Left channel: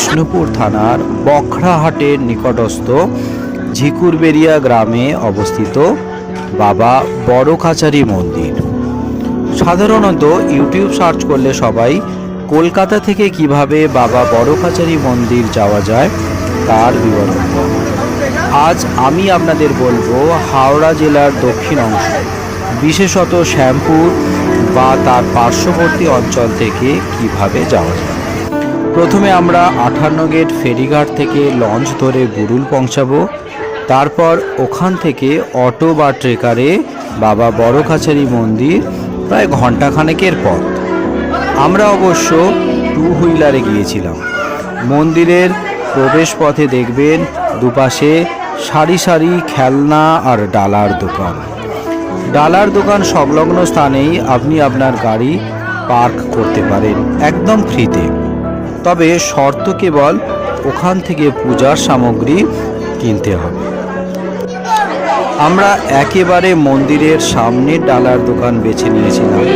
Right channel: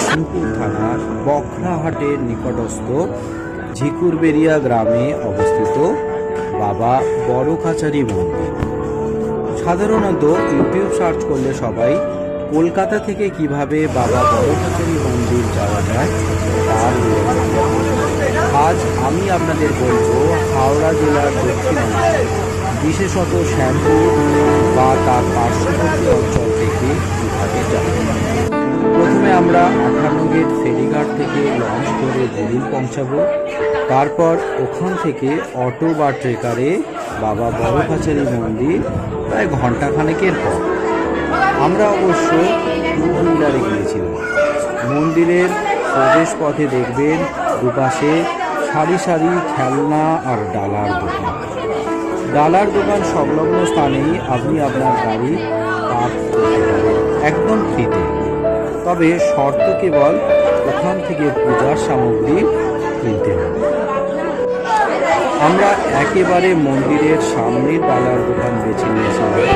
বিষ্ণুপুর থানার বখরাহাটের নিকটস্থ ঝিকুরবেড়িয়া গ্রামে অবস্থিত বাবা বড়খাচারি মন্দির। সাধারণত ইউটিউব সার্চ করলে সবাই কলকাতা থেকে কিভাবে বাবা বড়খাচারি মন্দির যাওয়া যায় তার বিবরণ। আজ আমি আপনাদের বলবো হাওড়া জেলার দক্ষিণ অংশ, বিশেষত শ্যামপুর বা তার পার্শ্ববর্তী অঞ্চল থেকে কিভাবে যাওয়া যায়। প্রথমে আমরা 58 গেট ফেরিঘাট থেকে লঞ্চ ধরে গুরুল পৌঁছাবো। তারপর ওখান থেকে অটো বা ট্রেকারে বাবা বড়খাচারি মন্দির প্রায় ঘন্টাখানেকের পথ। আমরা অবশ্য 2 হুইলারে গিয়েছিলাম। মন্দিরের প্রবেশ পথে দেখবেন দুপাশে সারি সারি খেলনা আর ডালার দোকান। ডালার দোকান সংলগ্ন স্থানেই আপনি আপনার গাড়ি পার্ক করতে পারেন একদম ফ্রিতে। তবে শর্ত কেবল ওখান থেকে পূজার সামগ্রী কিনতে হবে। আমরা একেবারে মন্দিরের সামনের ডালার দোকান বেছে নিয়েছিলাম।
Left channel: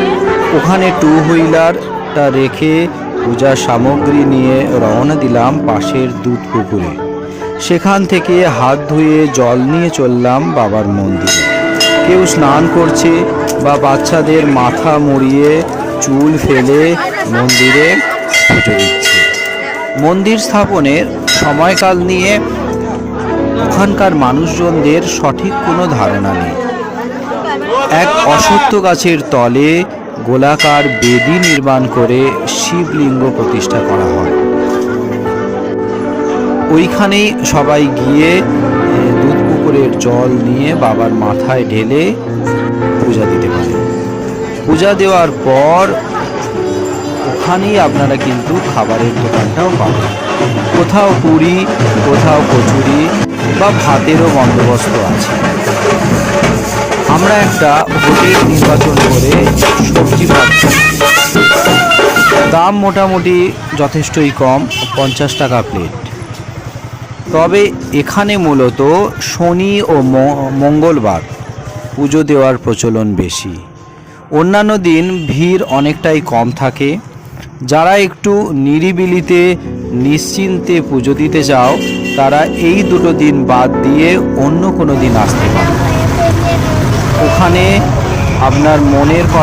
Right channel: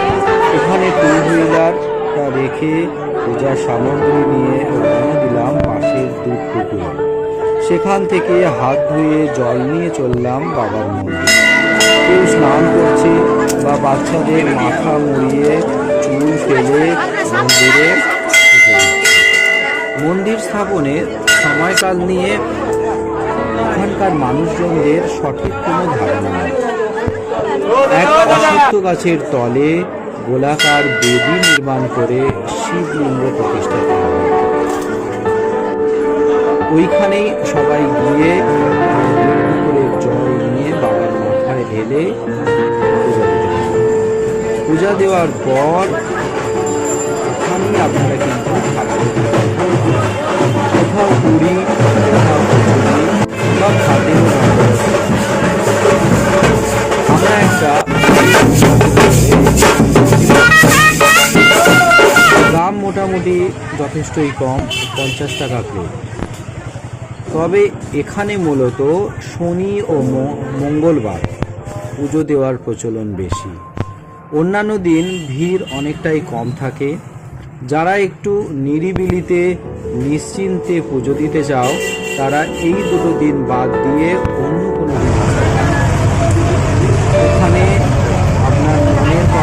ওখানে 2 হুইলারটা রেখে পূজার সামগ্রী নিয়ে রওনা দিলাম পাশের দুধ পুকুরে। সেখান থেকে হাত ধুয়ে জল নিয়ে চললাম বাবার মন্দিরে। কেউ স্নান করছে বা বাচ্চাদের মাথা মুড়িয়ে চুল ফেলে মন্দিরে পুজো দিচ্ছে। মন্দির স্থাপনের সময়কাল নিয়ে ওখানকার মানুষজনদের সঠিক কোনো ধারণা নেই। এক অশ্বত্থ গাছের তলে গোলাকার বেদি নির্মাণ করে শিবলিঙ্গ প্রতিষ্ঠা করা হয়। ওইখানেই সবাই গিয়ে দুধ পুকুরের জল নিয়ে বাবার মাথায় ঢেলে পূজা দিতে পারে। পূজা দেওয়ার পর ওখানেই আপনারা কিন্তু খাবারের দোকানটাও পাবেন। কোথাও পুরি, কোথাও কচুরি বা ভাতেরও বন্দোবস্ত আছে। আমরা একটা দাম মোটামুটি যথেষ্টই কম, 50 টাকা প্লেট। তবে এখানে মূলত শনি ও মঙ্গলবার পুজো দেওয়ার প্রচলন বেশি। অন্যান্য দিন ভিড় অনেকটাই কম থাকে। যারা একটু নিরিবিলিতে নিশ্চিন্তে পুজো দিতে চাও তারা এই 2 দিন বাদ দিয়ে অন্য কোনো দিন আসতে পারে। ওখানে আপনার মনের কথা